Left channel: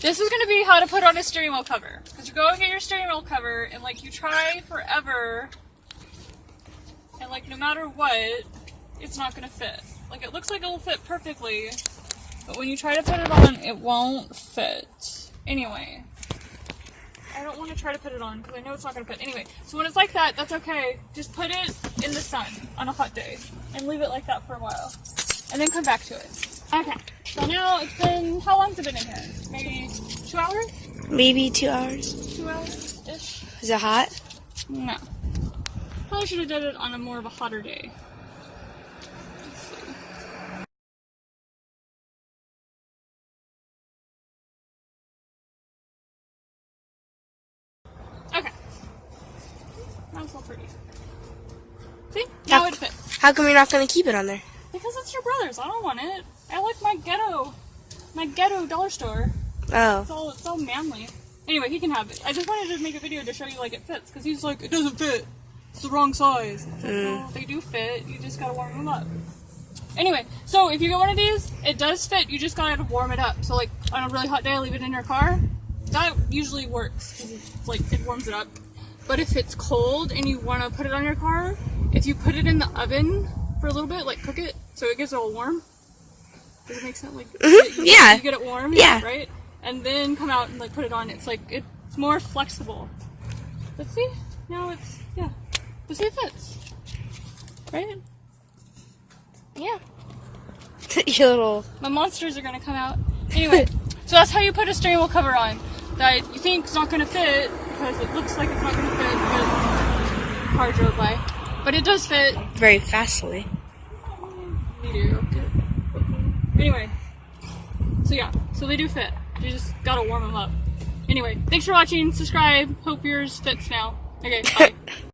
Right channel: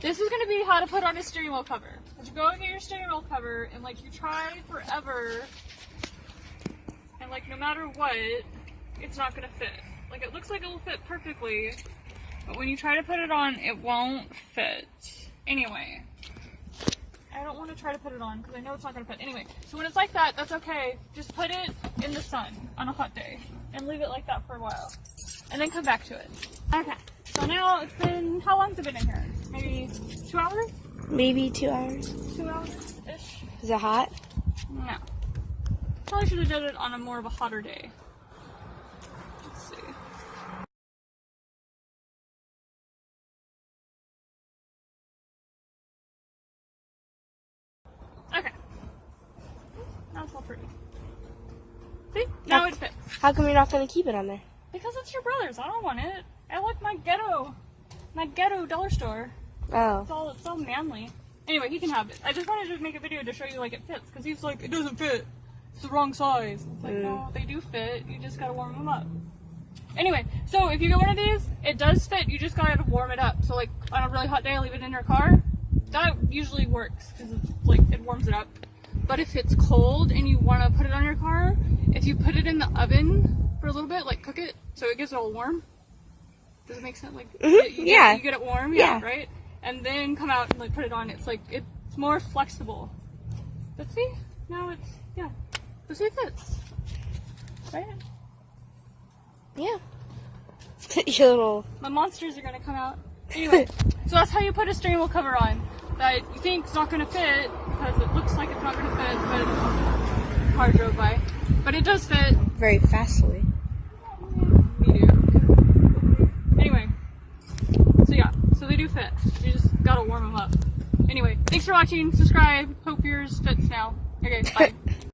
This is going to be how to put on a steering wheel cover. Because you go and get your steering wheel cover, and like you try forever, and like no matter what, it's not going to fit. Like it looks like it will fit perfectly, but when you try to put it on, it won't fit. Anyway, I don't want to try to put it on because I know it's not going to fit. Anyway, so when it's like that, that's okay. Just put it in the sun on a hot day and leave it like that for a while. And then come back to it. Okay, so now it's been, how long's it been in here? Maybe 2 hours? Maybe 2 hours. 2 hours-ish? Is it hot? No. Probably should have done it on a more of a hotter day. Let's see. Okay. That's all pretty. See? Now it fits. How come you're not going to keep it on there? Because it's your brother's. I don't want it. I like my ghetto dollar store. Oh. It's all manly. Anyway, he can have it. I just wanted to make a video to show you like it fits, because he's like, it doesn't fit. It's the wrong size. Well, they do fit. You just gotta warm them up. Anyway, so if you get one of these, it does fit. You just gotta warm it up. So like on a really hot day, I leave it in your car. That usually works because it's like it warms it up. But if it's cold and you want to put it on your car, if you put it in the oven for a little bit, like cook it so it gets all warm. Does it make sense? Like Yeah. you get it warm, Yeah. right? And then come out and like put it on. It's like it's more flexible. But see, now it's but see, it fits, right? Yeah. Your little... My monsters are gonna come out. Anyway, so that's how you put a steering wheel cover on that you think is not gonna fit because it looks like it's not gonna fit when the car drove by, but it does fit. Very fastly. You do. Anyway, so yeah, so they do fit. You just gotta warm them up. Anyway, thanks for watching. Subscribe. Hope yours fits now. Okay, bye.